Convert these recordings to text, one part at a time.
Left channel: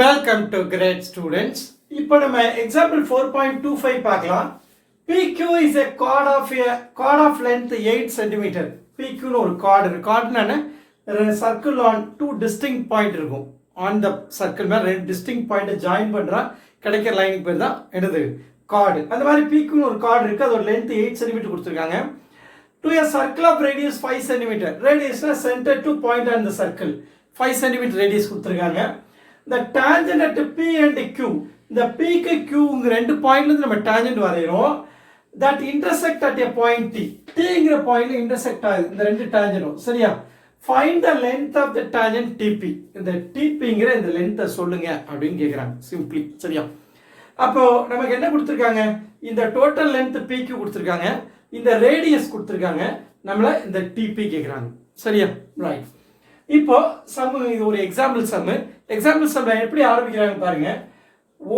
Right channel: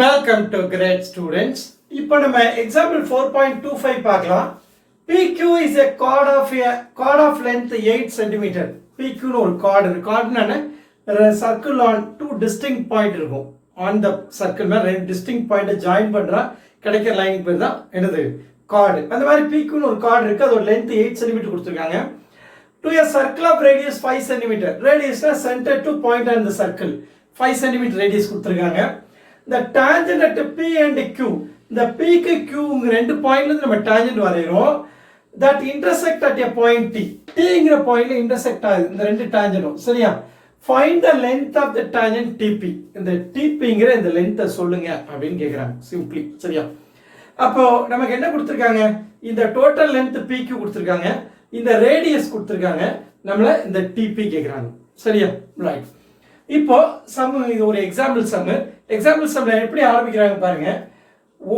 Welcome to great students. இப்போ நம்ம example 4.25 பார்க்கலாம். PQ is a chord of length 8 cm. PQ னு ஒரு chord. Chordனா circle on two distinct point இருக்கும். ஆன் த சர்க்கிள் மேல ரெண்டு டிஸ்டிங்க்ட் பாயிண்ட்டை ஜாயின் பண்றா கிடைக்கிற லைனுக்கு பேர் தான் என்னது chord. அந்த மாதிரி PQ னு ஒரு chord இருக்கு. அதோட லென்த் 8 cm கொடுத்திருக்காங்க. To a circle of radius 5 cm. Radius center to point on the circle. 5 cm radius கொடுத்திருக்காங்க. The tangent at P and Q. இந்த P க்கு Q ங்கிற ரெண்டு பாயிண்ட்ல இருந்து நம்ம tangent வரையறோம். That intersect at a point T. T ங்கிற பாயிண்ட்ல intersect ஆகுது இந்த ரெண்டு tangent. சரியா? Find the length of the tangent TP. இந்த TP ங்கிற இந்த length சொல்லுங்க அப்படினு கேக்குறாங்க. Simply. சரியா? அப்போ நமக்கு என்ன கொடுத்திருக்காங்க? இந்த total length PQ கொடுத்திருக்காங்க. இந்த ரேடியஸ் கொடுத்திருக்காங்க. நம்மள இந்த TP கேக்குறாங்க. சரியா? ரைட். இப்போ சம் ஒரு எக்ஸாம்பிள் சம் எப்படி ஆரம்பிக்கிறாங்க பாருங்க.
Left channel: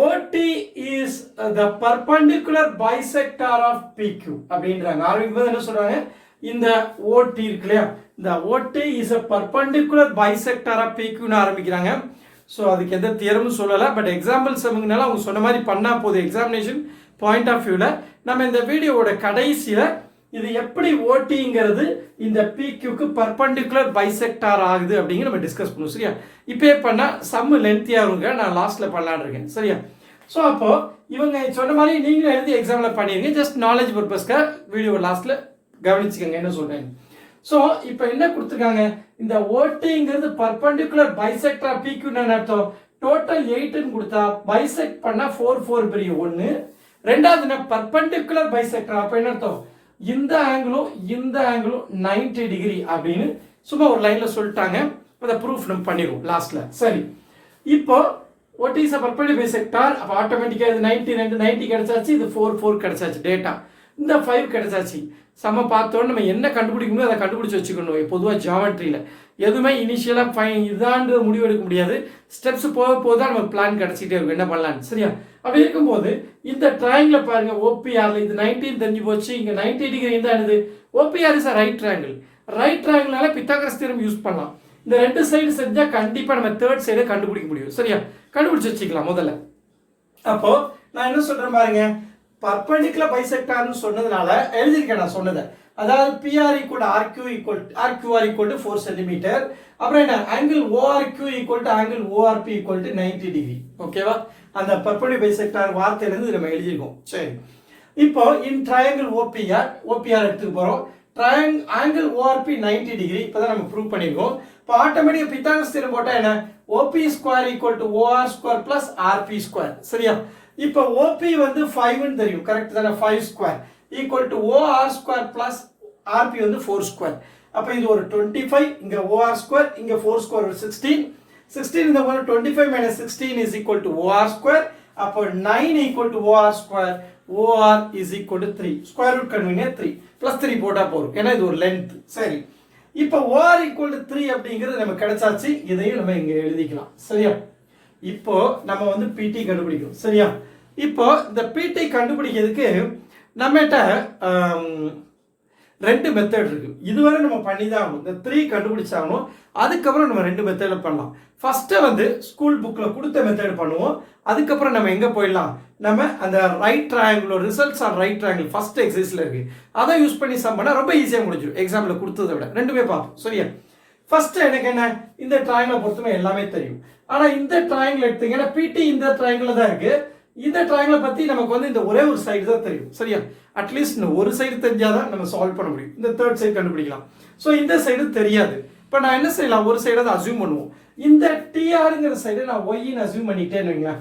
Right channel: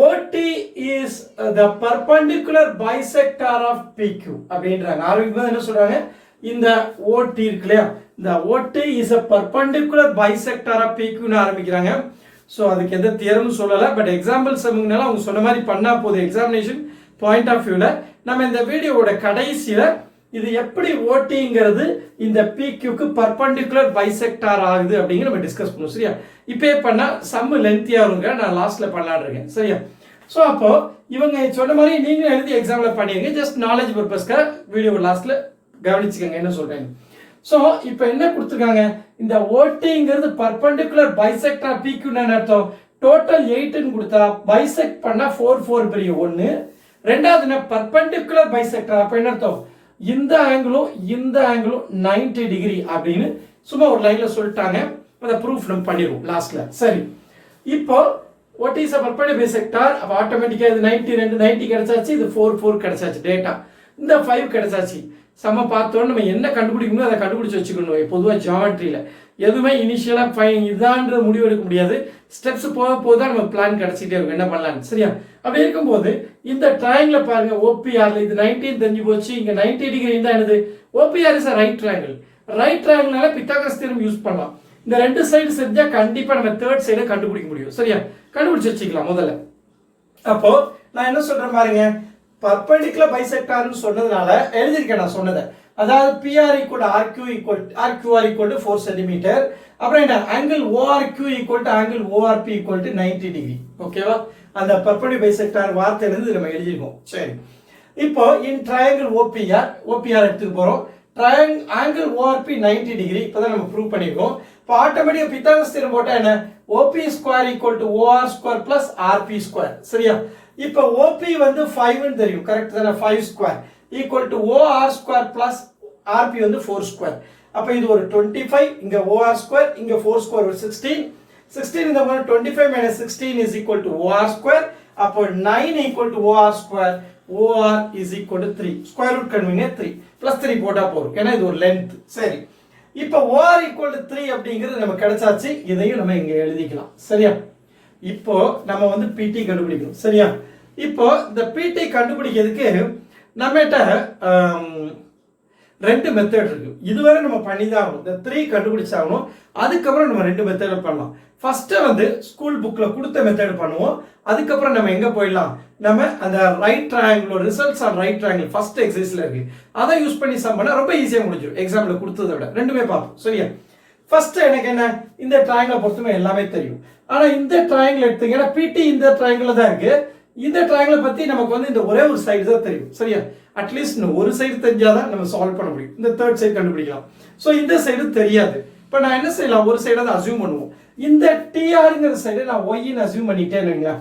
OT is the perpendicular bisector of PQ அப்படின்றாங்க. ஆரம்பிக்கும்போது என்ன சொல்றாங்க? இந்த OT இருக்கு இல்லையா, இந்த OT is a perpendicular bisector of PQ னு ஆரம்பிக்கிறாங்க. ஸோ அதுக்கு எந்த தியரமும் சொல்லலை, பட் எக்ஸாம்பிள் சம்னால அவங்க சொன்ன மாதிரி பண்ணா போதும். எக்ஸாமினேஷன் பாயிண்ட் ஆஃப் வியூல நம்ம இந்த வீடியோவோட கடைசியில இது எப்படி ஓட்டிங்கிறது இந்த PQக்கு பர்பெண்டிகுலர் பைசெக்டார் ஆகுது அப்படிங்கிற நம்ம டிஸ்கஸ் பண்ணுவோம். சரியா? இப்போ பண்ணா சம் லென்த்தியா இருங்க, நான் லாஸ்ட்ல பண்ணலான்னு இருக்கேன். சரியா? ஸோ அப்போ இவங்க சொன்ன மாதிரி நீங்களும் எழுதி எக்ஸாம்ல பண்ணிருங்க. ஜஸ்ட் நாலேஜ் பர்பஸ்க்காக வீடியோ லாஸ்ட்ல கவனிச்சுக்கங்க என்ன சொல்றாங்க. ஸோ இப்போ என்ன கொடுத்துருக்காங்க? இந்த ஓட்டிங்கிறது பர்பெண்டிகுலர் பைசெக்டார் PQ என்ன அர்த்தம்? டோட்டல் 8ன்னு கொடுத்தா பைசெக்ட் பண்ணா 4 பெரிய 1. ரெண்டாவது பர்பெண்டிகுலர் பைசெக்டார் அப்ப என்ன அர்த்தம்? இந்த ஆங்கிளும் 90 டிகிரி அப்படின்னு சும்மா ஒரு லைன்ல சொல்லிட்டாங்க. அதை ப்ரூஃப் நம்ம பண்ணிடுவோம் லாஸ்ட்ல. சரி, இப்போ what is a perpendicular bisector? அப்ப ஆட்டோமேட்டிக்கா இது 90 கிடைச்சாச்சு, இது 4 கிடைச்சாச்சு. டேட்டா இந்த 5 கிடைச்சாச்சு. சம பார்த்தோம் நம்ம என்ன கண்டுபிடிக்கணும் அதை கண்டுபிடிச்சு வச்சுக்கணும். பொதுவாக ஜியாமெட்ரியில எதுவுமே இனிஷியலா ஃபைன் இதான்ற முடிவு எடுக்க முடியாது. ஸ்டெப்ஸ் போக போதான் நம்ம பிளான் கிடைச்சிட்டே இருக்கும் என்ன பண்ணலான்னு. சரியா? அப்படி இருக்கும்போது இந்த ட்ரையாங்கிள் பாருங்க, OPRல இது 19 தெரிஞ்சு போச்சு. இங்க 90 டிகிரி தான் என்னது? OPR is right triangle. Right ட்ரையாங்கிள்னால பித்தாகரஸ் தியரம் யூஸ் பண்ணலாம். இந்த ரெண்டு சைடு செஞ்சா கண்டிப்பா நம்ம தேர்ட் சைடை கண்டுபிடிக்க முடியும். சரியா? கண்டுபிடிச்சு வச்சுக்கலாம் முதல்ல. அப்போ நான் என்ன சொல்றேன் பாருங்க, பர்பெண்டிகுலர் பைசெக்டார்னு சொன்னதுனால எழுதிருக்கேன் நான் சொன்னதை. அதாவது PR equal RQR equal to 4 cm. அப்புறம் என்ன angle ORQ equal to angle ORP equal to 90 degree. ஓகேவா? அந்த பர்பெண்டிகுலர் பைசெக்டார் வார்த்தையில இருந்து நம்ம எழுதிருக்கோம். சரி, இப்போ இன் ட்ரையாங்கிள் OPR எடுத்துக்க போறோம். Angle ORP 90 degree. இப்பதான் நம்ம ப்ரூவ் பண்ணிருக்கோம். இப்போ ஆட்டோமேட்டிக்கா பித்தாகரஸ் தியரம் போட்டா என்ன? OP square equal to OR square plus RP square. சரியா? இப்போ OP வந்து 5 ன்னு தெரியும். கரெக்ட் தானே? 5 square equal to OR square plus RP வந்து 4 ஸ்கொயர். அப்ப இது ஒரு 25, இங்க OR ஸ்கொயர், இங்க 4 ஸ்கொயர் ஒரு 16 இந்த போனா 25 minus 16 is equal to OR square. அப்ப 9 equal to OR square. OR is equal to 3. Square root கன்வீனியா 3 plus 3 போட்டா போதும். ஏன்னா இது ஒரு லென்த். சரி, இப்போ OR equal to 3 அப்படிங்கிறது நம்ம கிடைச்சாச்சு. இதையும் நம்ம இங்க எழுதிக்கலாம். சரியா? இப்போ நம்ம வந்து PT கண்டுபிடிக்கணும். சரியா? இப்போ இந்த PT கண்டுபிடிக்கிறதுக்கு நம்மகிட்ட ரெண்டு மெத்தட் இருக்கு. இதுவரை நம்ம பண்ணி தான் ஆகணும். இந்த 3 கண்டுபிடிச்சாகணும். அதுக்கப்புறம் நம்ம ரெண்டு மெத்தட்ல பண்ணலாம். ஃபர்ஸ்ட் வந்து ஸ்கூல் புக்ல கொடுத்த மெத்தட் பண்ணுவோம். அதுக்கப்புறம் நம்ம எங்க போயிடலாம்? நம்ம அந்த right triangle results on right triangle first எக்ஸசைஸ்ல இருக்கு. அதை யூஸ் பண்ணி சம் பண்ணா ரொம்ப ஈஸியா முடிஞ்சிடும். எக்ஸாம்ல கொடுத்ததை விட ரெண்டுமே பார்ப்போம். சரியா? ஃபர்ஸ்ட் எனக்கு என்ன, இந்த ட்ரையாங்கிள் பொறுத்தவரை எல்லாமே தெரியும். ஆனா இந்த ட்ரையாங்கிள் எடுத்தீங்கன்னா PT இந்த ட்ரையாங்கிள் தான் இருக்கு. இந்த ட்ரையாங்கிள் பத்தி நமக்கு வந்து இந்த ஒரே ஒரு சைடு தான் தெரியும். சரியா? அட்லீஸ்ட் ஒரு சைடு தெரிஞ்சாதான் நம்ம சால்வ் பண்ண முடியும். இந்த தேர்ட் சைடு கண்டுபிடிக்கலாம். ஸோ இந்த சைடு தெரியாது. இப்போ நான் என்ன செய்யலாம்? ஒரு சைடை தான் அசியூம் பண்ணுவோம். இந்த TRங்கிற சைடு நான் ஒய்ன்னு அசியூம் பண்ணிட்டேன்னு,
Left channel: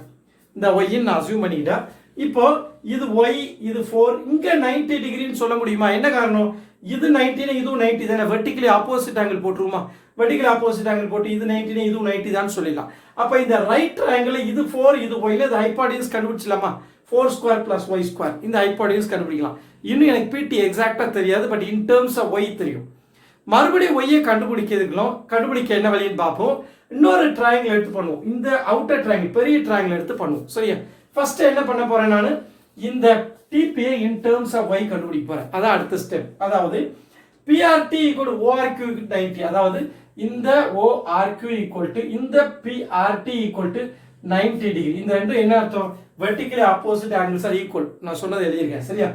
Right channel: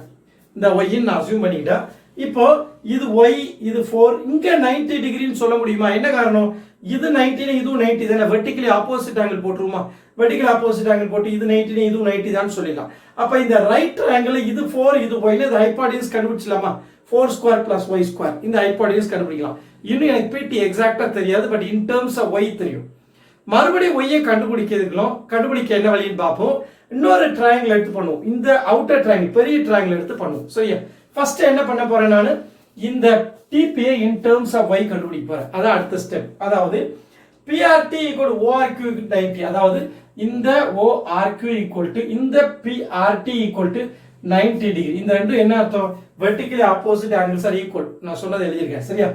இந்த ஒய்ன்னு நான் அசியூம் பண்ணிக்கிட்டேன். இப்போ இது Y, இது 4, இங்க 90 டிகிரின்னு சொல்ல முடியுமா? என்ன காரணம்? இது 90, இதுவும் 90 தானே. வெர்டிகலி ஆப்போசிட் ஆங்கிள் போட்டுருமா? வெர்டிகலி ஆப்போசிட் ஆங்கிள் போட்டு இது 90, இதுவும் 90 தான் சொல்லிடலாம். அப்ப இந்த ரைட் ட்ரையாங்கிள் இது 4, இது Y, இது ஹைபாடனியூஸ் கண்டுபிடிச்சலாமா? 4 ஸ்கொயர் plus Y ஸ்கொயர். இந்த ஹைபாடனியூஸ் கண்டுபிடிக்கலாம். இன்னும் எனக்கு PT எக்ஸாக்ட்டா தெரியாது, but in terms of Y தெரியும். மறுபடியும் Y கண்டுபிடிக்க என்ன வழின்னு பார்ப்போம். இன்னொரு ட்ரையாங்கிள் எடுத்து பண்ணுவோம். இந்த அவுட்டர் ட்ரையாங்கிள் பெரிய ட்ரையாங்கிள் எடுத்து பண்ணுவோம். சரியா? ஃபர்ஸ்ட் என்ன பண்ண போறேன் நான்? இந்த TP in terms of Y கண்டுபிடிக்க போறேன். அதான் அடுத்த ஸ்டெப். அதாவது PRT equal to ORQ 90. அதாவது இந்த ORQ equal to இந்த PRT equal to 90 டிகிரி. இந்த ரெண்டும் என்ன அர்த்தம்? Vertically opposite angles R equal. நான் சொன்னதை எழுதியிருக்கேன். சரியா?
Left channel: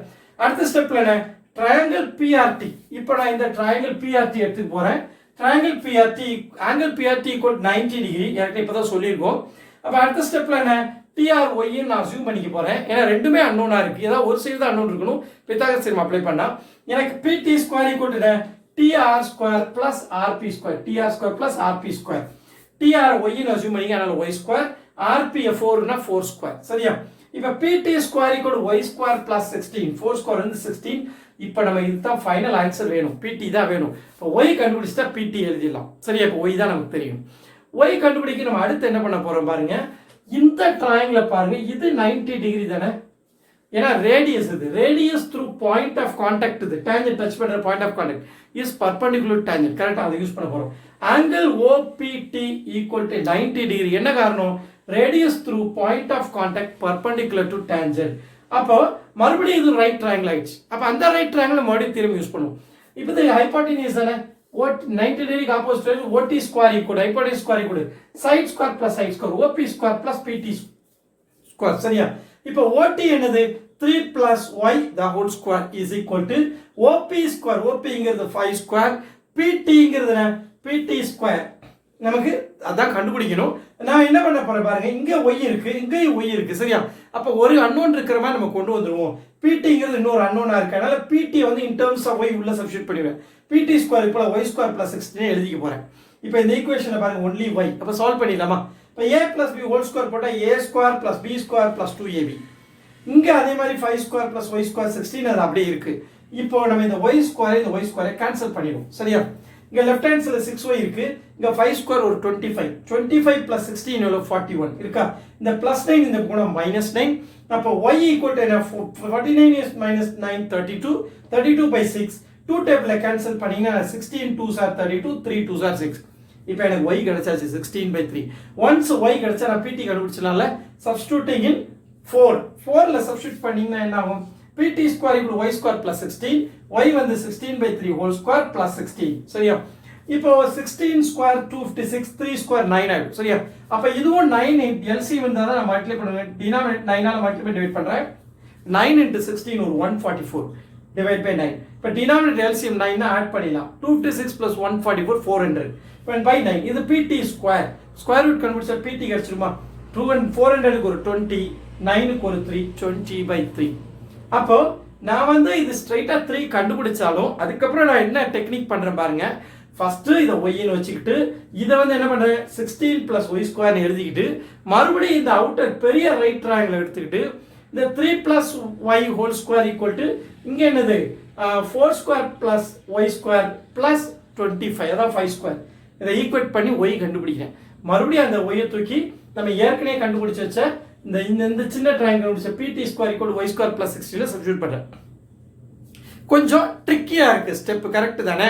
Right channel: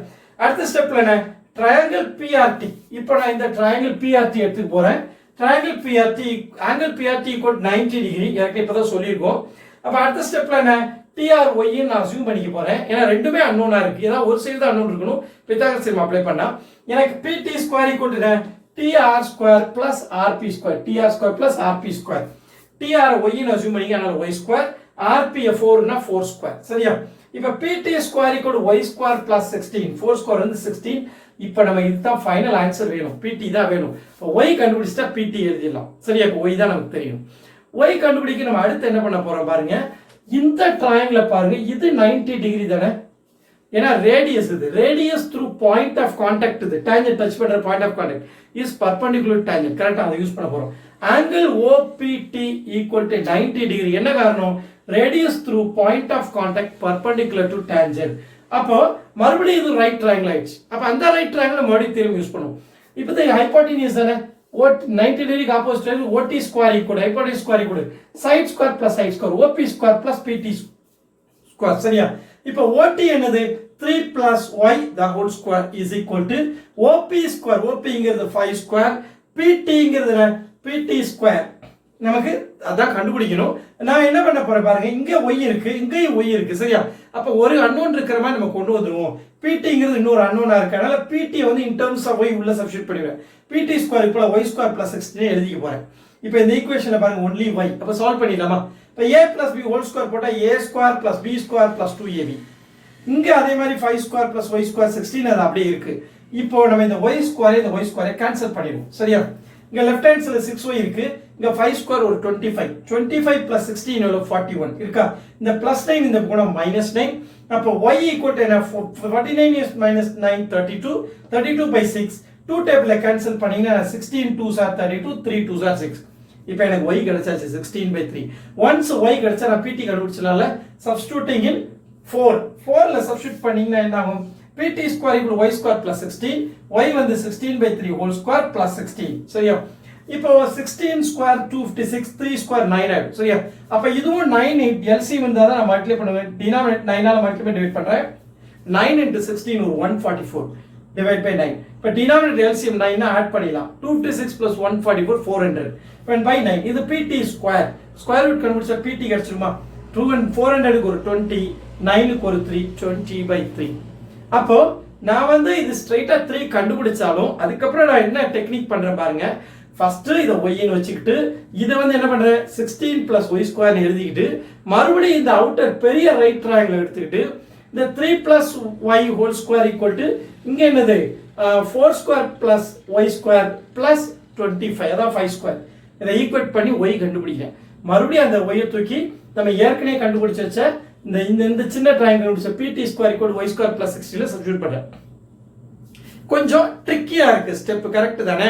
அடுத்த ஸ்டெப்ல என்ன? Triangle BRT. இப்போ நான் இந்த ட்ரையாங்கிள் பிஆர்டி எடுத்துக்க போறேன். Triangle BRT angle BRT equal 90 degree. எனக்கு இப்பதான் சொல்லியிருக்கோம். அப்ப அடுத்த ஸ்டெப்ல என்ன? டிஆர்ஒய் நான் அசியூம் பண்ணிக்க போறேன். ஏன்னா ரெண்டுமே அன்னோனா இருக்கு. ஏதாவது ஒரு சைடு தான் அன்னோன் இருக்கணும். பித்தாகரஸ் தியரம் அப்ளை பண்ணா எனக்கு PD square equal to DR square plus RP square. DR square plus RP square. DR y assume பண்ணிக்க. அதனால ஒய் ஸ்கொயர். ஆர்பி 4னா 4 ஸ்கொயர். சரியா? இப்ப PD square equal to y square plus 16. 4 square வந்து 16. இப்போ நம்ம இதுதான் ஃபைனல் ஆன்சர் வேணும். பிடி தான் வேணும். இப்போ ஒய் கண்டுபிடிச்சிட்டா பிடி எழுதிடலாம். சரியா? இப்போ ஒய் தான் நமக்கு தெரியும். ஒய் கண்டுபிடிக்க நம்ம அடுத்து என்ன பண்ண போறோம் பாருங்க. இந்த ட்ரையாங்கிள் பாருங்க. இது 90 டிகிரி தானே? ஏன்னா ரேடியஸ் இது. Radius through point of contact இது. டான்ஜென்ட் டச் பண்ற point of contact is perpendicular tangent. கரெக்ட்டா அதை யூஸ் பண்ண போறோம். Angle OPT equal to 90 degree. என்ன காரணம்? Radius through point of contact perpendicular to tangent. அப்போ மறுபடியும் இது ரைட் ட்ரையாங்கிள் ஆயிடுச்சு. அப்ப அந்த ரைட் ட்ரையாங்கிள் மறுபடியும் திரும்பி யூஸ் பண்ணுவோம். இப்போ இந்த ஹைபோடெனியூஸ் தானே? 90 degree opposite OD square equal hypotenuse square equal side square plus side square OB square plus PD square. சரியா? இப்போ ஓடி என்னது? 3 plus y the whole square is equal to OP square. OP இங்கிறது 5 square. PT இங்கிறது என்ன? PT square. நமக்கு அதான் கண்டுபிடிக்கணும். நான் என்ன பண்ண போறேன் பாருங்க. இங்க y இருக்கு, இங்கேயும் y இருக்கு. சரியா? அப்ப ஒரு அன்னோன் இருக்கிற மாதிரி நம்ம கொண்டு வந்துருவோம். PT இங்கிறது இன்னொரு அன்னோனா இருக்கு. அதனால PT வந்து in terms of y உள்ள சப்ஸ்டிட்யூட் பண்ணுவேன். PT square equal y square plus 16 எழுதிக்க போறேன். இப்போ இந்த ஈக்குவேஷனை பாருங்க. only y. அப்ப சால்வ் பண்ணிடலாமா? இப்போ a plus b whole square போட்டா a square plus b square plus 2ab. இங்க அதே மாதிரி 5 ஸ்கொயர் பிளஸ் y ஸ்கொயர் 16 அது அப்படியே இருக்கு. இப்போ நம்ம இந்த y ஸ்கொயரை கேன்சல் பண்ணிடுவோம். சரியா? இங்க லெஃப்ட் ஹேண்ட் சைடுல 6y இருக்கு. இங்க 5 ஸ்கொயர் ஒரு 25. 25 பிளஸ் 16 எவ்வளவு? 41 இருக்கா? இந்த பிளஸ் 9 இந்த போனா மைனஸ் 9. அப்போ y ஈக்குவல் டு என்ன? 49 is minus 9 32. 32 by 6. 2 டேபிள்ல கேன்சல் பண்ணீங்கன்னா 16 2s are 32. 3 2s are 6. இப்போ எனக்கு y கிடைச்சாச்சு 16 by 3. once y கிடைச்சா நான் pt கண்டுபிடிச்சலாம்ல. substituting in 4ல சப்ஸ்டிட்யூட் பண்ணீங்கன்னா என்ன ஆகும்? pt square equal y square plus 16. y வந்து 16 by 3 ஹோல் ஸ்கொயர் பிளஸ் 16. சரியா? இப்போ 16 ஸ்கொயர் 256. 3 ஸ்கொயர் 9 ஆயிடும். சரியா? அப்ப இதுவும் 9 LCM இருந்தா தான் நான் மல்டிப்ளை பண்ணுவேன். டினாமினேட் 9 ஆல மல்டிப்ளை டிவைட் பண்றேன். 9 into 16 ஒரு 144 டிவைட் பை 9. இப்போ டினாமினேட் LCM 9 னா ஆட் பண்ணிடலாம். 256 plus 144 400. when by 9 இது pt ஸ்கொயர். ஸ்கொயர் ரூட் கண்டுபிடிச்சா pt கிடைச்சிருமா? 400 க்கு ஒரு 20, 9 க்கு ஒரு 3, 20 by 3. அப்போ நான் வந்து இது ஸ்ட்ரைட்டா 3 கண்டுபிடிச்சாலும் அதுக்கப்புறம் நான் என்ன டெக்னிக் பண்றேன் பாருங்க. ஃபர்ஸ்ட் இத y ன்னு வச்சுக்கிட்டு இத வந்து என்ன பண்றேன்? 16 plus y ஸ்கொயர் எழுதிக்கிட்டு மறுபடியும் இந்த அவுட்டர் பெரிய ரைட் ட்ரையாங்கிள் எடுத்துக்கிட்டு இந்த 3 plus y whole square equal to இங்க என்னது? 4 square plus y square plus 25 அதான் 5 ஸ்கொயர். இதை ஈக்குவேட் பண்ணி y கண்டுபிடிக்கிறேன். மறுபடியும் அந்த y தூக்கி நம்ம ஏற்கனவே கண்டுபிடிச்ச இந்த சின்ன ட்ரையாங்கிள் கண்டுபிடிச்ச pt square equal y square plus 16 ல சப்ஸ்டிட்யூட் பண்றேன். கொஞ்சம் ட்ரிக்கியா இருக்கு ஸ்டெப். கரெக்ட் தானே?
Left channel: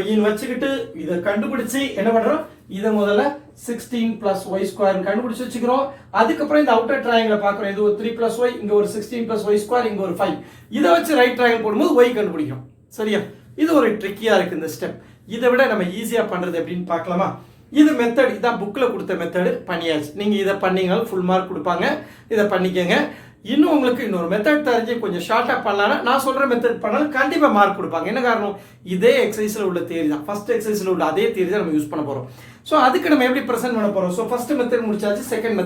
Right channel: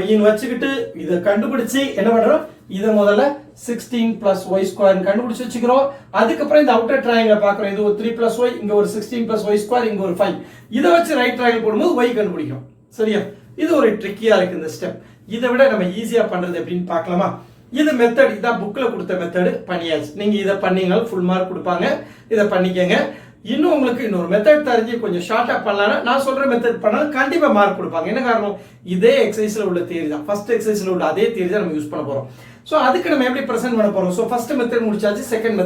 y ன்னு வச்சுக்கிட்டு இத கண்டுபிடிச்சி என்ன பண்றோம்? இத முதல்ல 16 plus y ஸ்கொயர் கண்டுபிடிச்சு வச்சுக்கிறோம். அதுக்கப்புறம் இந்த அவுட்டர் ட்ரையாங்கிளை பார்க்கறோம். இது ஒரு 3 plus y, இங்க ஒரு 16 plus y ஸ்கொயர், இங்க ஒரு 5. இத வச்சு ரைட் ட்ரையாங்கிள் போடும்போது y கண்டுபிடிக்கிறோம். சரியா? இது ஒரு ட்ரிக்கியா இருக்கு இந்த ஸ்டெப். இதை விட நம்ம ஈஸியா பண்றது எப்படின்னு பார்க்கலாமா? இது மெத்தட். இதான் புக்ல கொடுத்த மெத்தட் பண்ணியாச்சு. நீங்க இதை பண்ணீங்கனாலும் ஃபுல் மார்க் கொடுப்பாங்க. இதை பண்ணிக்கங்க. இன்னும் உங்களுக்கு இன்னொரு மெத்தட் தெரிஞ்சு கொஞ்சம் ஷார்ட்டா பண்ணலாம்னா நான் சொல்ற மெத்தட் பண்ணாலும் கண்டிப்பா மார்க் கொடுப்பாங்க. என்ன காரணம்? இதே எக்ஸசைஸ்ல உள்ள தியரி தான். ஃபர்ஸ்ட் எக்ஸசைஸ்ல உள்ள அதே தியரி தான் நம்ம யூஸ் பண்ண போறோம். சோ அதுக்கு நம்ம எப்படி பிரசன்ட் பண்ண போறோம்? சோ ஃபர்ஸ்ட் மெத்தட் முடிச்சாச்சு. செகண்ட்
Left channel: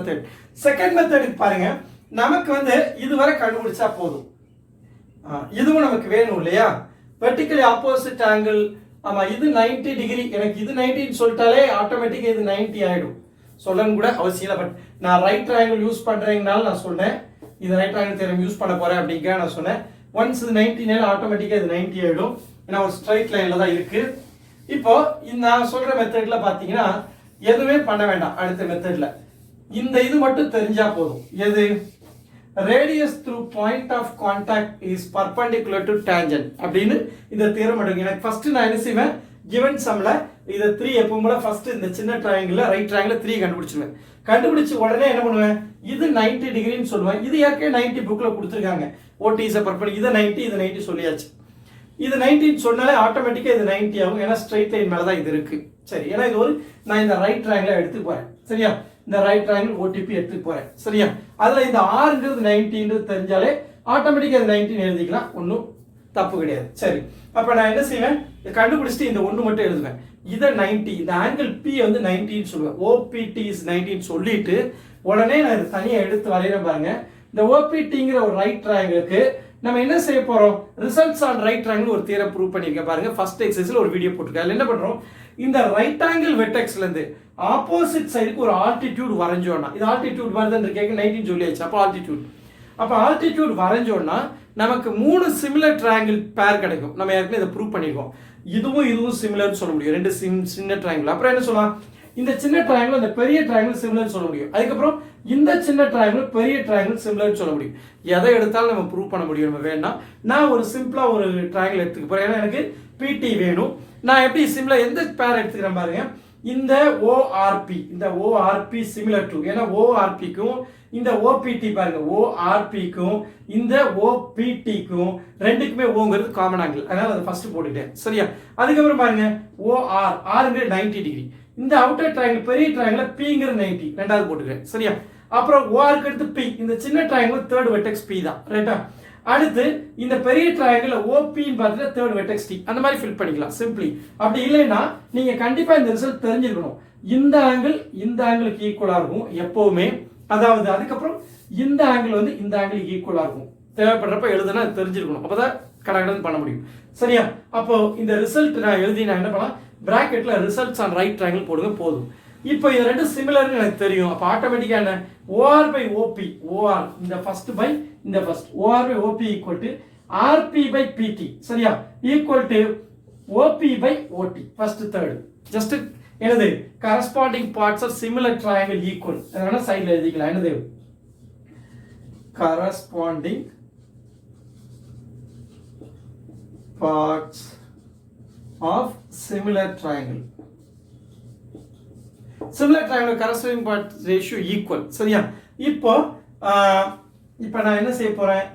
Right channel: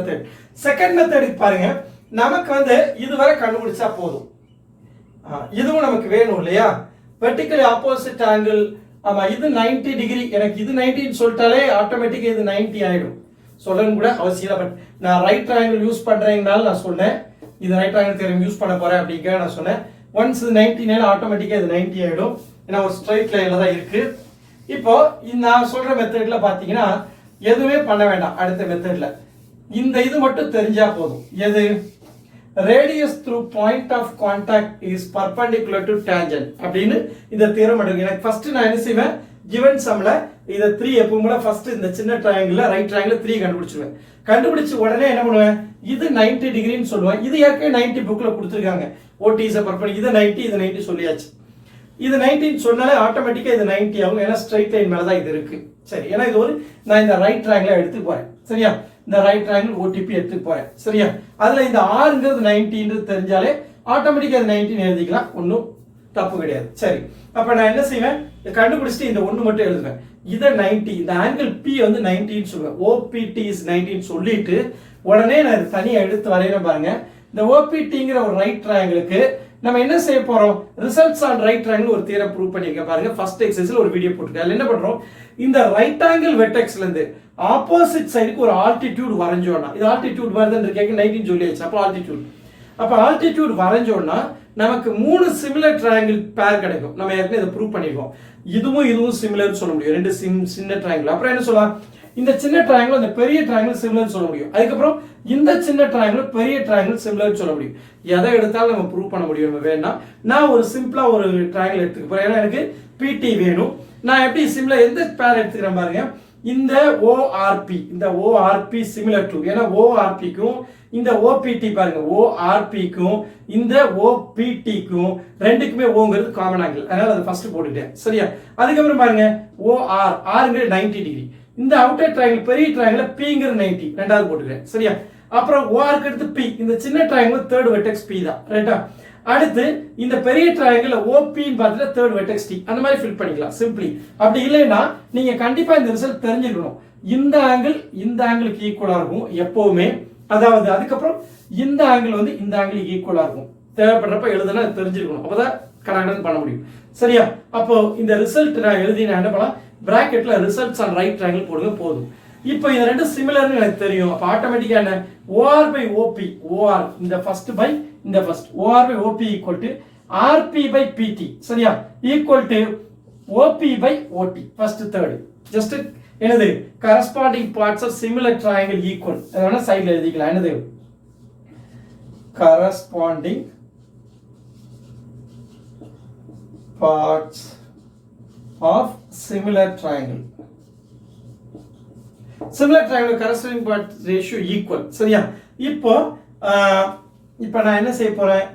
மெத்தட் பாருங்க. நமக்கு வந்து இதுவரை கண்டுபிடிச்சா போதும். இதுவும் நமக்கு வேணும் இல்லையா? Vertically opposite angle. ஆமா, இது 90 டிகிரி. எனக்கு இது 90 ன்னு சொல்லிட்டாலே ஆட்டோமேட்டிக்கா இது 90 ஆயிடும். சொல்லணும் கூட அவசியம் இல்லை. பட் நான் ரைட் ட்ரையாங்கிள் யூஸ் பண்றேங்கனால நான் சொன்னேன். இது ரைட் ட்ரையாங்கிள் தியரம் யூஸ் பண்ண போறேன் அப்படிங்க நான் சொன்னேன். ஒன்ஸ் இது 90 னால ஆட்டோமேட்டிக்கா இது 90 ஆயிடும். ஏன்னா ஒரு ஸ்ட்ரைட் லைன்ல தான் இருக்கு. இப்போ நான் சொல்ற மெத்தட்ல பாத்தீங்கன்னா எதுவுமே பண்ண வேண்டாம். அடுத்த மெத்தட்ல இந்த இது மட்டும் தெரிஞ்சா போதும். எது? radius through point of contact is perpendicular to tangent அப்படின்னு இந்த தியரம் எடுங்க. எனக்கு ஃபர்ஸ்ட் நான் என்ன செய்வேன்? given sumல இத 3 எப்பவுமே ஃபர்ஸ்ட் இந்த சின்ன ட்ரையாங்கிள்ல ரைட் ட்ரையாங்கிள் 3 கண்டுபிடிச்சுவேன். கண்டுபிடிச்சு உடனே என்ன பண்ணுவேன்? இது 90 டிகிரின்னு சொல்லுவேன். இது ஏற்கனவே 90 புக்ல கொடுத்திருக்காங்க. OT is a perpendicular. இது 90 இது 90 சொல்லியாச்சு. இது 90 சொன்னாலே ஆட்டோமேட்டிக்கா இது 90 ஆகும். ஏன்னா ஸ்ட்ரைட் லைன் மேல தான் இது இருக்கு. சரி, ஏன்னா இது ஒரு நான் இந்த ரைட் ட்ரையாங்கிளை எடுத்து போறேன். சரியா? இந்த ரைட் ட்ரையாங்கிள் ஓடிபி எடுத்துட்டு போறேன். சரியா? அதுல இந்த ஆறுங்கிறது 90 தெரிஞ்சாலே ஆட்டோமேட்டிக்கா அது 19 எழுதிக்கலாம், ஒன்றும் தப்பு கிடையாது. சரி, அப்ப நான் என்ன செய்வேன், கண்டுபிடிச்சிட்டு இந்த ஒன்று மட்டும் எழுதுவேன். இதை 90, இந்த ஆங்கிள் பி வந்து 90 சொல்லுவேன். ஓபிடி இஸ் 19 சொல்லிட்டு உடனே நான் தனியாக எடுத்து வரைகிறேன் பாருங்க. இந்த ஓபிடிங்கிற ஒரு ரைட் ட்ரையாங்கிளுக்கு நம்ம என்ன செய்ய போறோம், ரிசல்ட்ஸ் ஆன் ரைட் ட்ரையாங்கிள் ஒரு தியரம் ப்ரூவ் பண்ணிருக்கேன் பாருங்க. ஃபர்ஸ்ட் எக்ஸசைஸ்ல ஒரு வீடியோ போட்டுருக்கேன். அதுல என்ன பண்றோம், இந்த ரைட் ஆங்கிள் வெர்டெக்ஸ்ல இருந்து ஆப்போசிட் சைடுக்கு ஒரு ஆல்டிடியூட் வரைஞ்சோம்னா, இது ஆல்டிடியூட் வருதுன்னு கேட்க 19 சொல்லியாச்சு. அப்போ ஆல்டிடியூட் வரைஞ்சோம்னா நமக்கு 3 சிமிலர் ட்ரையாங்கிள் பேர் கிடைக்கும். நம்ம ஏற்கனவே இதை ப்ரூவ் பண்ணிருக்கோம். இதுவும் சிமிலர் சொல்ல முடியும், ரெண்டு சின்ன ட்ரையாங்கிள். அப்புறம் என்ன சொல்லலாம், இந்த சின்ன ட்ரையாங்கிள் அந்த பெரிய ட்ரையாங்கிள் சிமிலர் சொல்ல முடியும். அதுக்கப்புறம் இந்த சின்ன ட்ரையாங்கிள் பெரிய ட்ரையாங்கிள் சிமிலர் சொல்ல முடியும். எதை எடுத்தாலும் நம்ம ப்ரூவ் பண்ண முடியும். நம்ம வேணா நான் ஒரு சிம்பிளா ஒரு ட்ரையாங்கிள் எடுத்துக்க போறேன். ஏன்னா எனக்கு பிடி வேணும். நான் எப்படி சிம்பிளா எந்த பேர் எடுத்துக்கிறேன் பாருங்க. இந்த ஓஆர்பி, இந்த ஓஆர்பி சிமிலர் டு, ஏன்னா ஓஆர்பிக்கும் இந்த ஓபிடி பாருங்க, ஓஆர்பிக்கும் இந்த ஓபிடிக்கும் ரெண்டுக்குமே ஓங்கிறது காமன் ஆங்கிள். அதனால அதை ஃபர்ஸ்ட் போட்டுட்டேன். சரியா? அதுக்கப்புறம் பாருங்க ஓஆர், ஆறுங்கிறது 90 டிகிரி. இந்த அவுட்டர் ட்ரையாங்கிள் பெரிய ட்ரையாங்கிள் பிங்கிறது 90, ரெண்டாவது போட்டுக்கிறேன். சரியா? அப்புறம் ஓஆருக்கு அடுத்து பி, இந்த சின்ன ட்ரையாங்கிள் தேர்ட் வெர்டெக்ஸ் பி தான். ரைட்டா? அடுத்து இந்த பெரிய ட்ரையாங்கிள் ஓபின்னு பார்த்துட்டு தேர்ட் வெர்டெக்ஸ் டி, அந்த மாதிரி ஃபில் பண்ணிக்கலாம் சிம்பிளி. அப்படி இல்லைன்னா நீங்க கண்டிப்பா இந்த ரிசல்ட் தெரிஞ்சிருக்கணும். இந்த ஆங்கிளுக்கு ஈக்குவலா இருக்கும் எப்பவுமே. அதாவது அதுக்கப்புறம் இந்த ஆங்கிள் வந்து இந்த ஆங்கிளுக்கு ஈக்குவலா இருக்கும். தேவைப்படுறப்ப எழுதுனா தெரிஞ்சிருக்கணும், அப்பதான் கனெக்ட் பண்ண முடியும். சரியா? அப்போ இந்த ரிசல்ட் நான் எழுதி நான் என்ன பண்ணலாம், பிராக்கெட்ல ரிசல்ட்ஸ் ஆன் ரைட் ட்ரையாங்கிள் போடுங்க போதும். இப்போ இது ரெண்டு சிமிலர்னு எனக்கு தெரியும். அப்ப ஆட்டோமேட்டிக்கா என்ன, ஓஆர் பை ஓபி, ஓஆர் இந்த ஃபர்ஸ்ட் பை இந்த first, OR by OP equal to RP by PT. சரியா? Equal to OP by OT, first third. Just என்னது, corresponding parts of similar triangle equal. அதனால சைடுல எழுதிக்கலாம். என்னது, corresponding parts of similar triangle. Similar triangle corresponding part ratio equal. சரியா? இப்போ நான் என்ன செய்ய போறேன்,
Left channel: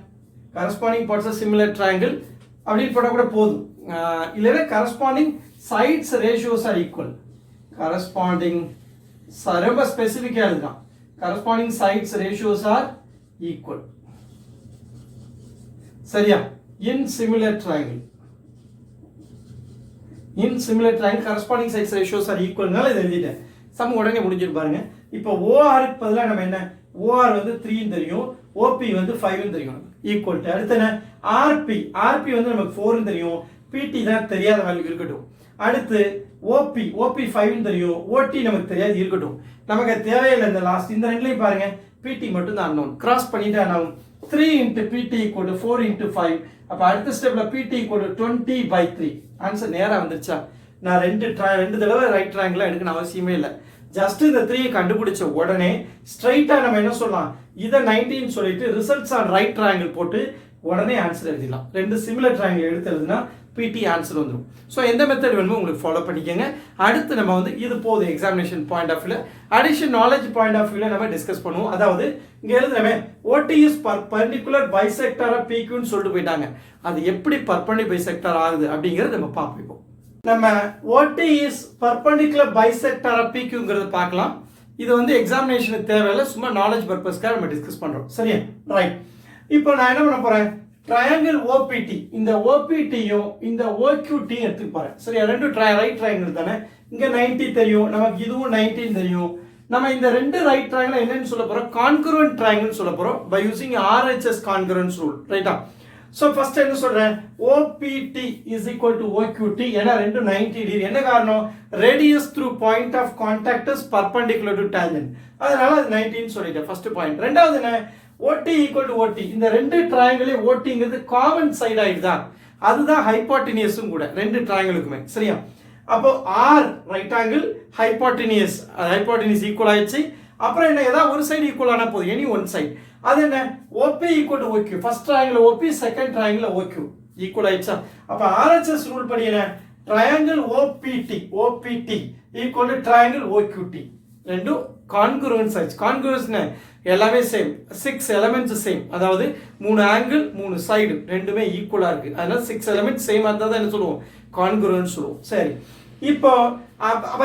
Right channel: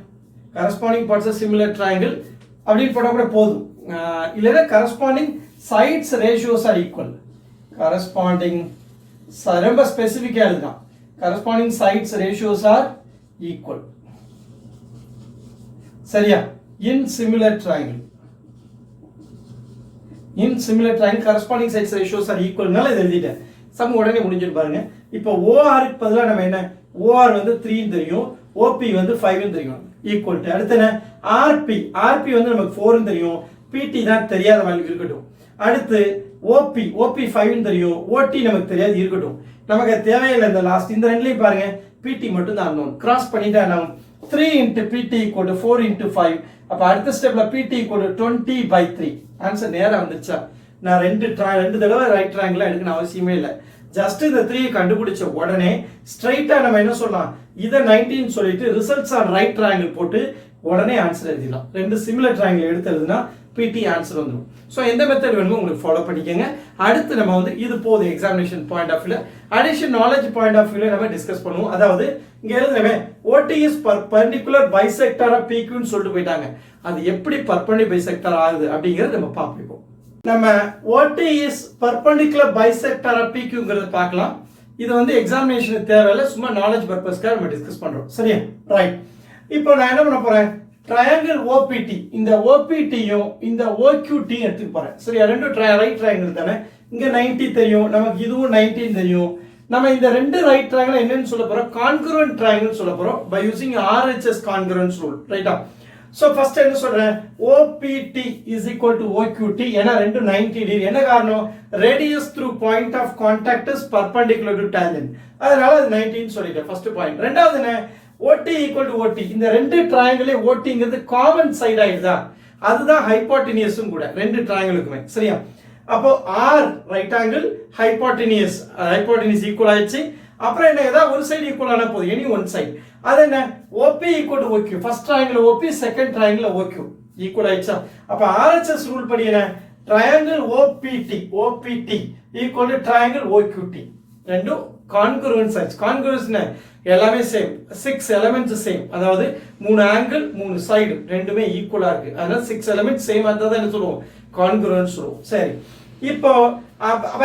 corresponding parts of similar triangle அப்படின்னு போட்டா கூட போதும். இல்லைன்னா corresponding sides ratios are equal. Corresponding ரொம்ப ஸ்பெசிஃபிக்கா எழுதுதான், corresponding sides ratios are equal. சரியா? In similar triangle, in similar triangle corresponding sides ratios are ஈக்குவல்னால இதை எழுதிட்டேன். சம் உடனே முடிஞ்சிட்டு பாருங்க. இப்போ ஓஆருக்கு பதிலாக நம்ம என்ன, ஓஆர் வந்து 3 தெரியும், ஓபி வந்து 5 தெரியும், ஈக்குவல் டு அடுத்து என்ன, ஆர்பி வந்து நமக்கு 4 தெரியும், பிடி தான் தெரியாத வேல்யூ இருக்கட்டும். அடுத்து ஓபி 5 தெரியும், ஓடி நமக்கு தெரியாது இருக்கட்டும். நமக்கு தேவையில்லை இந்த லாஸ்ட் இந்த ரெண்டுலையும் பாருங்க, பிடி மட்டும் தான் அன்னோன். கிராஸ் பண்ணிட்டா நான் 3 into pt equal to 4 into 5. அப்ப அடுத்த ஸ்டெப்ல pt equal to 20/3. ஆன்சர் நேரா வந்துச்சா? நான் ரெண்டு தடவை ரைட் ட்ரையாங்கிள் எடுக்கணும் அவசியமே இல்லை. ஜஸ்ட் இந்த 3 கண்டுபிடிச்ச உடனே ஸ்ட்ரைட்டா நம்ம என்ன சொல்லலாம், இதை 19 சொல்லிட்டு ரிசல்ட்ஸ் ஆன் ரைட் ட்ரையாங்கிள் போட்டு உடனே ஆன்சர் எழுதிடலாம். ரெண்டு சிமிலர் ட்ரையாங்கிள் எடுத்து எழுதுனா பிடி ஆன்சர் வந்துடும். ஸோ எந்த மெத்தட் வேணுமோ உங்களுக்கு ஃபாலோ பண்ணிக்கோங்க. அடுத்து நம்ம வந்து இது போதும் எக்ஸாமினேஷன் பாயிண்ட் ஆஃப் வியூல, அடிஷன் நாலேஜ் பாயிண்ட் ஆஃப் வியூல நம்ம டிஸ்கஸ் பண்ணுவோம். அதாவது இங்க எழுதுறமே OD is perpendicular bisector of பிக்யூன்னு சொல்லிட்டு போயிட்டாங்க. அது எப்படி பர்பெண்டிகுலர் பைசெக்டார் ஆகுது அப்படிங்கறத நம்ம பார்ப்போம். நம்ம ஓடி இஸ் பர்பெண்டிகுலர் பைசெக்டார் ஆஃப் பிக்யூங்கிறத பார்க்கலாம். இது வந்து எக்ஸாமினேஷனுக்கு தேவையில்லை, சும்மா நாலேஜ் பர்பஸ்க்காக நம்ம டிஸ்கஸ் பண்றோம். சரியா? ரைட். இப்போ நான் என்ன பண்ண போறேன், ட்ரையாங்கிள் ஓபிடி, இந்த ஓபிடியும் இந்த ஓக்யூடி எடுத்து போறேன். சரியா? ரெண்டு ரைட் ட்ரையாங்கிள் தானே. இங்க 90 தெரியும், நமக்கு இதுவும் 19 தெரியும். நம்ம இந்த ரெண்டு ரைட் ட்ரையாங்கிள் என்னன்னு சொல்ல போறோம், கான்கருவன்ட் ட்ரையாங்கிள் சொல்ல போறோம் பை யூசிங் RHS கான்கருவன்ஸ் ரூல். ரைட்டா? சோ ஃபர்ஸ்ட் என்ன சொல்றேன், OPT is equal to OQT. ஏன்னா ரெண்டு 90 டிகிரி. என்ன காரணம், radius through point of contact is perpendicular to tangent. அதனால அது 19 சொல்லிட்டேன் ஃபர்ஸ்ட் பாயிண்ட். ரெண்டாவது என்ன, OT equal to OT. இந்த ரெண்டு ட்ரையாங்கிளே OTங்கிறது காமன் சைடு ஆயிடுதா, அதுதான் ஹைப்போட்டெனியஸும் கூட ரெண்டு ட்ரையாங்கிளுக்குமே. சரியா? அப்போ R ரைட் ஆங்கிள் ஹைப்போட்டெனியஸ் ஈக்குவல் ஆயிடுச்சு. அப்புறம் என்ன, ஏதாவது ஒரு சைடு ஈக்குவல் ஆனா போதும், எனி ஒன் சைடு. அது என்ன, OP equal to OQ. First triangle OP, second triangle OQ equal ஆயிடுச்சா? அப்ப RHS ரூல் படி என்ன, triangle OPT equal to triangle OQT. ரெண்டும் கான்கருவன்ட் சைட்ஸ். கான்கருவன்ஸ் எல்லாமே சேம், 6 எலிமெண்ட்ஸ் சேம். அதாவது 3 ஆங்கிள் 3 சைடு ரெண்டுமே ஈக்குவலா இருக்கு. அதனால 6 எலிமெண்ட்ஸ் சேம், அதான் என்ன சொல்லுவோம், கான்கருவன்ட் சொல்லுவோம். சரி, இப்போ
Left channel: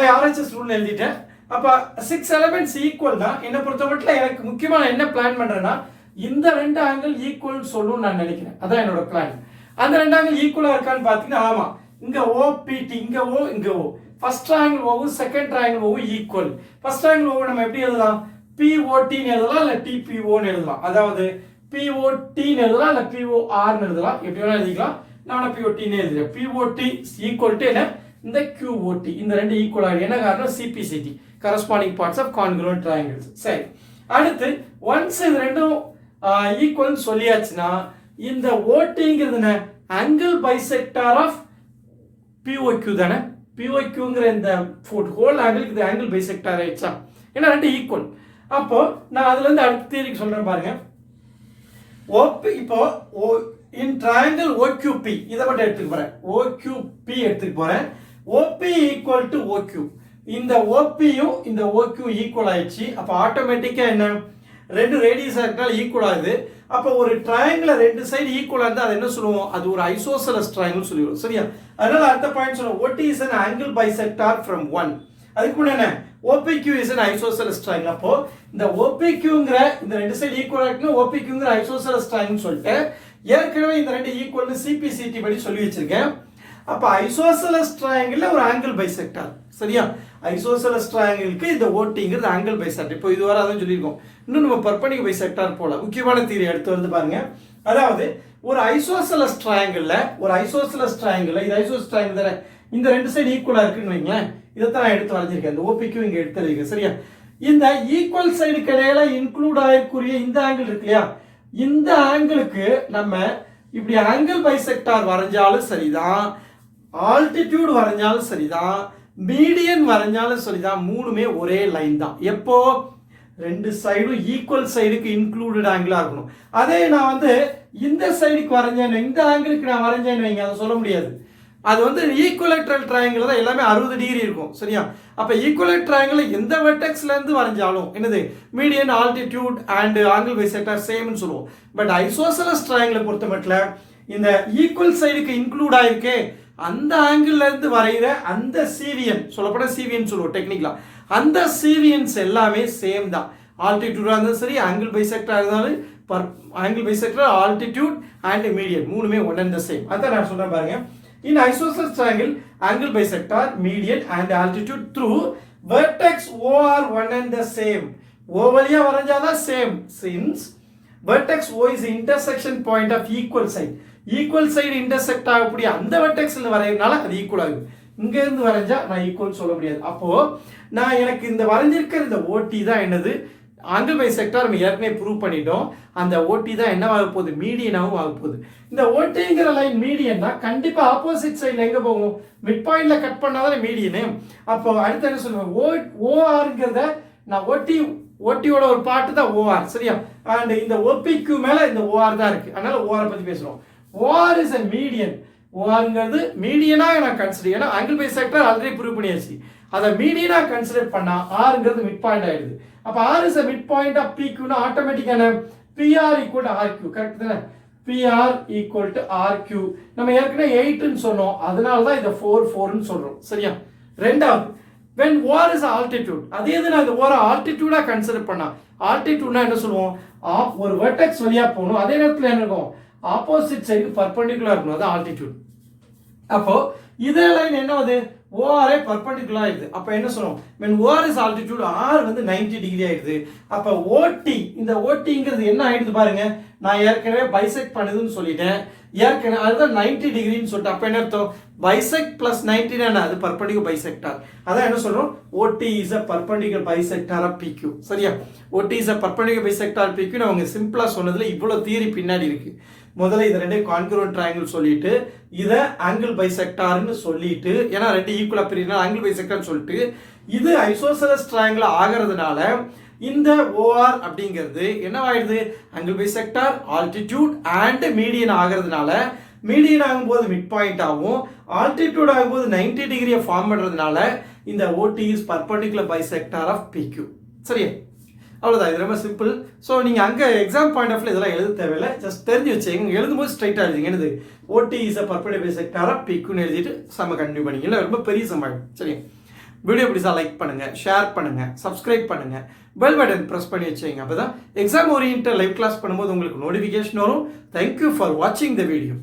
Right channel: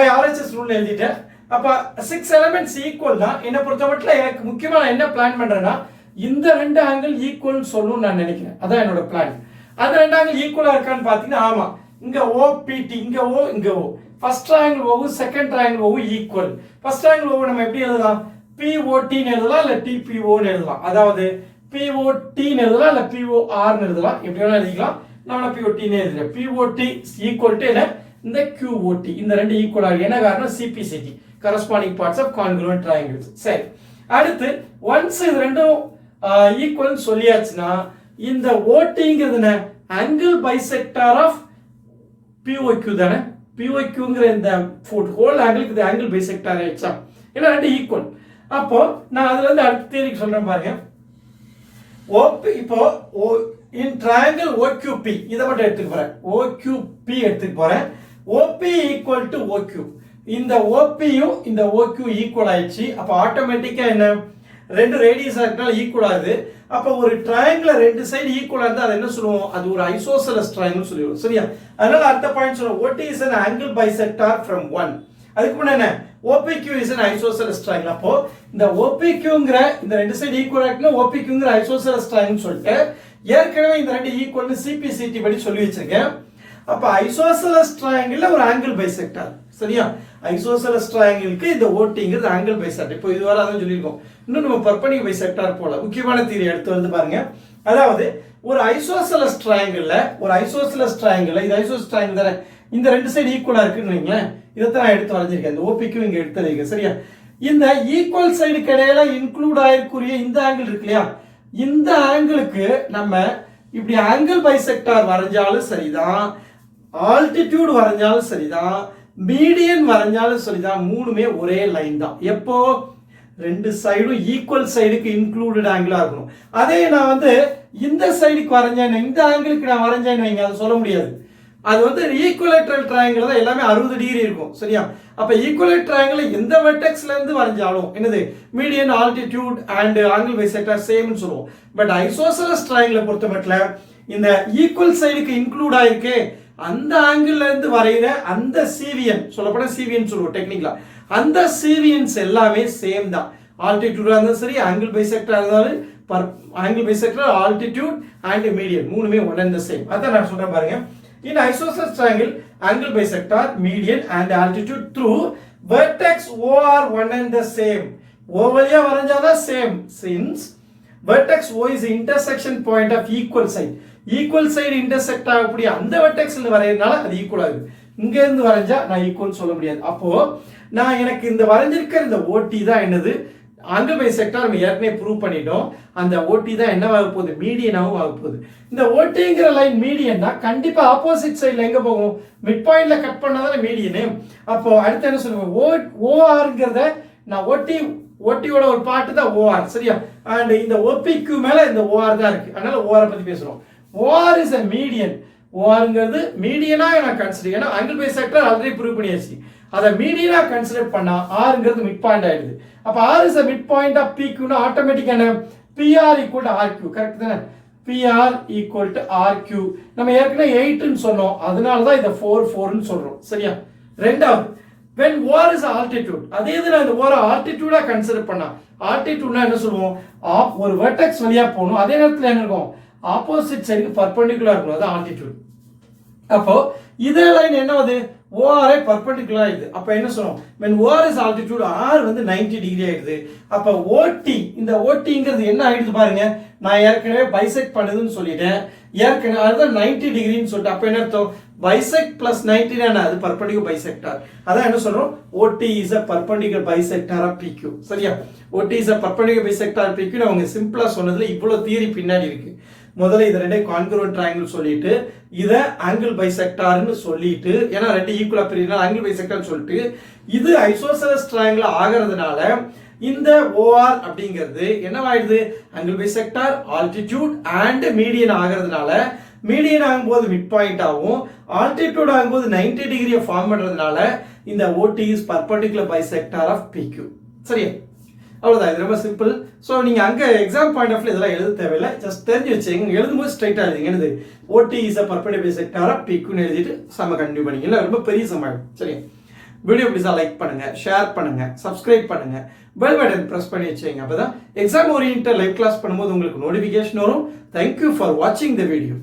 RHS ரூல் எழுதிட்டேன். அப்ப 6 எலிமெண்ட்ஸ் ஈக்குவல் தான். என்ன பொறுத்தமட்டில் எனக்கு முக்கியமா நான் என்ன பிளான் பண்றேன்னா இந்த ரெண்டு ஆங்கிள் ஈக்குவல் சொல்லணும்னு நான் நினைக்கிறேன். அதான் என்னோட பிளான். அந்த ரெண்டு ஆங்கிள் ஈக்குவலா இருக்கான்னு பாத்தீங்கன்னா ஆமா. இங்க OPT இங்க O இங்க O. First triangle O second triangle O equal. First triangle O நம்ம எப்படி எழுதலாம்? POT ன்னு எழுதலாம் இல்ல TPO ன்னு எழுதலாம். அதாவது POT ன்னு எழுதலாம் இல்ல POR ன்னு எழுதலாம். எப்படி வேணா எழுதிக்கலாம். நான் POT ன்னு எழுதுறேன். POT ஈக்குவல் டு என்ன? இந்த QOT. இந்த ரெண்டு ஈக்குவல் ஆகும். என்ன காரணம்? CPCT corresponding parts of congruent triangles. சரி. அடுத்து ஒன்ஸ் இது ரெண்டும் ஈக்குவல் சொல்லியாச்சுன்னா இந்த OTங்கிறது என்ன? ஆங்கிள் பைசெக்டார் ஆஃப் POQ தானே. POQங்கிற இந்த ஹோல் ஆங்கிளுக்கு இது ஆங்கிள் பைசெக்டார் ஆயிடுச்சா? ஏன்னா ரெண்டு ஈக்குவல். அப்போ நான் அதுல இருந்து அடுத்த தியரிக்கு சொல்றேன் பாருங்க. இப்போ in triangle OQP இத மட்டும் எடுத்துக்க போறேன். OQP எடுத்துக்க போறேன். OP equal to OQ. இந்த OP யும் இந்த OQ ஈக்குவல் ஆயிடுச்சு. அப்ப ஆட்டோமேட்டிக்கா என்ன? ரெண்டு ரேடியஸா இருக்கனால ஈக்குவல் ஆகுது. அப்ப ஒரு ட்ரையாங்கிள் ரெண்டு சைடு ஈக்குவலா இருந்தா அது என்ன சொல்லுவோம்? அது ஒரு ஐசோசெலஸ் ட்ரையாங்கிள் சொல்லுவோம். சரியா? அதனால அடுத்த பாயிண்ட் சொல்றோம். OT is an angle bisector from 1. அதுக்கு முன்ன என்ன? OPQ is an isosceles triangle. அப்போ இந்த OPQங்கிற இந்த ரெண்டு சைடு ஈக்குவலா இருக்குன்னா OPQங்கிற ஐசோசெலஸ் ட்ரையாங்கிள் சொல்லிட்டு ஏற்கனவே இந்த ரெண்டு ஈக்குவல்னு CPCT படி சொல்லி வச்சிருக்கேன். அப்ப ஐசோசெலஸ் ட்ரையாங்கிள்ல ஒரு ஆங்கிள் பைசெக்டார். சரியா? ஐசோசெலஸ் ட்ரையாங்கிளுக்கு இந்த OTங்கிறது ஆங்கிள் பைசெக்டார். இப்போ இதுவரை அதான் சொல்லியிருக்கோம். இன்னும் நம்ம பர்பெண்டிகுலர் பைசெக்டார் போல முக்கியமான தியரி எடுத்து வந்து பாருங்க. அதாவது ஒரு ஐசோசெலஸ் ட்ரையாங்கிள்ல இது ஐசோசெலஸ் ட்ரையாங்கிள் தானே. இந்த ரெண்டு சைடு ஈக்குவலா இருக்குன்னு வைங்களேன். இதைத்தான் நான் எடுத்து வரைஞ்சிருக்கேன். இந்த OPQ இங்க எடுத்து வரைக்கும். சரியா? இந்த ஈக்குவல் சைடுக்கு இடையில இன்க்ளூட் ஆயிருக்குரிய இந்த ஆங்கிள் இருக்கு இல்லையா? இந்த ஆங்கிளுக்கு நம்ம இப்படி ஆங்கிள் பைசெக்டார் வரைஞ்சாலும் சரிதான், ஆல்டிடியூட் வரைஞ்சாலும் சரிதான், மீடியன் வரைஞ்சாலும் சரிதான், மூணுமே ஒரே லைன் தான். எப்போ? ரெண்டு சைடும் ஈக்குவல் சைடுக்கு இன்க்ளூடட் ஆங்கிளா இருக்கணும். அதே நான் வந்து இந்த சைடுக்கு வரைஞ்சேன், இந்த ஆங்கிளுக்கு நான் வரைஞ்சேன்னு வைங்க, அதை சொல்ல முடியாது. அது வந்து ஈக்குவலேட்ரல் ட்ரையாங்கிள் தான் எல்லாமே 60 டிகிரி இருக்கும். சரியா? அப்ப ஈக்குவலேட் ட்ரையாங்கிள் எந்த வெர்டெக்ஸ்ல இருந்து வரைஞ்சாலும் என்னது median, altitude and angle bisector சேம்னு சொல்லுவோம். பட் ஐசோசெலஸ் ட்ரையாங்கிளை பொறுத்தமட்டில் இந்த ஈக்குவல் சைடுக்கு இன்க்ளூட் ஆயிருக்கு அந்த ஆங்கிள் இருந்து வரைகிற அந்த சிவியன், சொல்லப்போனா சிவியன் சொல்லுவோம் டெக்னிக்கலா, அந்த சிவியன்ஸ் எல்லாமே சேம் தான். ஆல்டிடியூடா இருந்தாலும் சரி, ஆங்கிள் பைசெக்டார் இருந்தாலும் angle bisector, altitude and median மூணுமே ஒன் அண்ட் த சேம். அதான் நான் சொல்றேன் பாருங்க. In isosceles triangle, angle bisector, median and altitude through vertex O are one and the same. O வழியா வரைஞ்சாதான் same, since vertex O is intersection point of equal side. Equal side intersect ஆகக்கூடிய அந்த vertexல வரையறனால அது equal ஆகுது. இங்க இருந்து வரைஞ்சா நான் equal சொல்ல முடியாது. அப்போ நான் எனக்கு இந்த வரைஞ்சிருக்கிற இந்த OT தான் என்னது? ஆங்கிள் பைசெக்டார் நம்ம ஏற்கனவே ப்ரூவ் பண்ணிட்டோம். அந்த OT தான் என்ன ஆக போகுது? மீடியனாகவும் ஆக போகுது. இந்த OTங்கிற லைன் மீடியன்னா கண்டிப்பா ஆப்போசிட் சைடுல எங்க போகும்? மிட் பாயிண்ட்ல கட் பண்ணாதானே மீடியனு. அப்போ அடுத்து என்ன சொல்லுவேன்? ORங்கிறத நான் OTயோட ஒரு பார்ட் தான் OR. சரியா? அண்ட் இந்த OPQ மேல இந்த OR தான் இருக்கு. அதனால OR பத்தி பேசுறோம். OR is a median. ORங்கிறது மீடியனா நான் கன்சிடர், ஏன்னா ஆங்கிள் பைசெக்டார் ஆல்ரெடி ப்ரூவ் பண்ணியாச்சு. அதை மீடியனா கன்சிடர் பண்ணா Rங்கிறது மிட் பாயிண்ட் ஆயிடுது. அப்ப R is a midpoint of PQ னா ஆட்டோமேட்டிக்கா என்ன? PR equal to RQ. Correct தானே? PR equal to RQ. நம்ம ஏற்கனவே 8 ன்னு சொன்னோம். அதனால தான் இத 4 ன்னு சொல்றோம். சரியா? ரெண்டாவது, when OR is altitude, அதே இது நான் இந்த OR altitude-ஆ கன்சிடர் பண்ணா, altitude-னா என்ன சொல்லுவோம்? ஒரு வெர்டெக்ஸ் வழியா போகணும். அதே நேரத்துல என்ன இருக்கும்? ஆப்போசிட் சைடுக்கு பர்பெண்டிகுலரா இருக்கும். அது altitude. அப்போ இதே லைன் என்ன ஆகுது? OR பர்பெண்டிகுலரா ஆயிடுது. அப்ப என்ன சொல்றோம்? when OR is altitude, R வந்து 90 டிகிரி ஆயிடுது. அப்ப OT, இந்த OTங்கிறது என்ன ஆயிடுது பாருங்க. நான் ஏற்கனவே பைசெக்ட் பண்ணுதுன்னு சொல்லிட்டேன். ஏற்கனவே அதுதான் 90 டிகிரின்னு சொல்லிட்டு அப்ப என்ன அர்த்தம்? பைசெக்ட் பிளஸ் 90 னா அது பர்பெண்டிகுலர் பைசெக்டார். அதான் என்ன சொல்றோம்? OT is a perpendicular bisector of PQ. சரியா? OT is a perpendicular bisector of PQ. அவங்க சிம்பிளா சொன்னதுல இவ்வளவு தியரி பின்னாடி இருக்கு. முதல்ல இது ரெண்டே கான்கிருவன்ட் ட்ரையாங்கிள் சொல்லிட்டு இத ஆங்கிள் பைசெக்டார்னு சொல்லிட்டு, ஏன்னா ரெண்டு ஈக்குவலா பிரியுதுனா ஆங்கிள் பைசெக்டார்னு சொல்லிட்டு இது ஐசோசெலஸ் ட்ரையாங்கிள் ஆகிறதுனால இந்த OR அப்படிங்கிறது என்னவாயிடுது? Angle bisector, altitude and median ஆகிறதுனால, மீடியன் ஆகும்போது மிட் பாயிண்ட் ஆகும், ஆல்டிடியூட் ஆகும்போது 90 டிகிரியை ஃபார்ம் பண்றதுனால இந்த OT is perpendicular bisector of PQ. சரியா? அவ்வளவுதான். இது ரொம்ப சிம்பிள். ஸோ நீங்க அங்க எக்ஸாம் பாயிண்ட் ஆஃப் இதெல்லாம் எழுத தேவையில்லை. ஜஸ்ட் தெரிஞ்சு வச்சுங்க. எழுதும்போது ஸ்ட்ரைட்டா எழுதுங்க. என்னது? OT is a perpendicular bisector of PQ ன்னு எழுதிட்டு சம கண்டினியூ பண்ணிக்கல. ரொம்ப பெரிய சமம். சரி, வீடியோ பிடிச்சா லைக் பண்ணுங்க, ஷேர் பண்ணுங்க, சப்ஸ்கிரைப் பண்ணுங்க, பெல் பட்டன் பிரஸ் பண்ணி வச்சுங்க. அப்பதான் எக்ஸாம் ஓரியன்ட் லைவ் கிளாஸ் பண்ணும்போது உங்களுக்கு நோட்டிபிகேஷன் வரும். தேங்க்யூ ஃபார் வாட்சிங் த வீடியோ.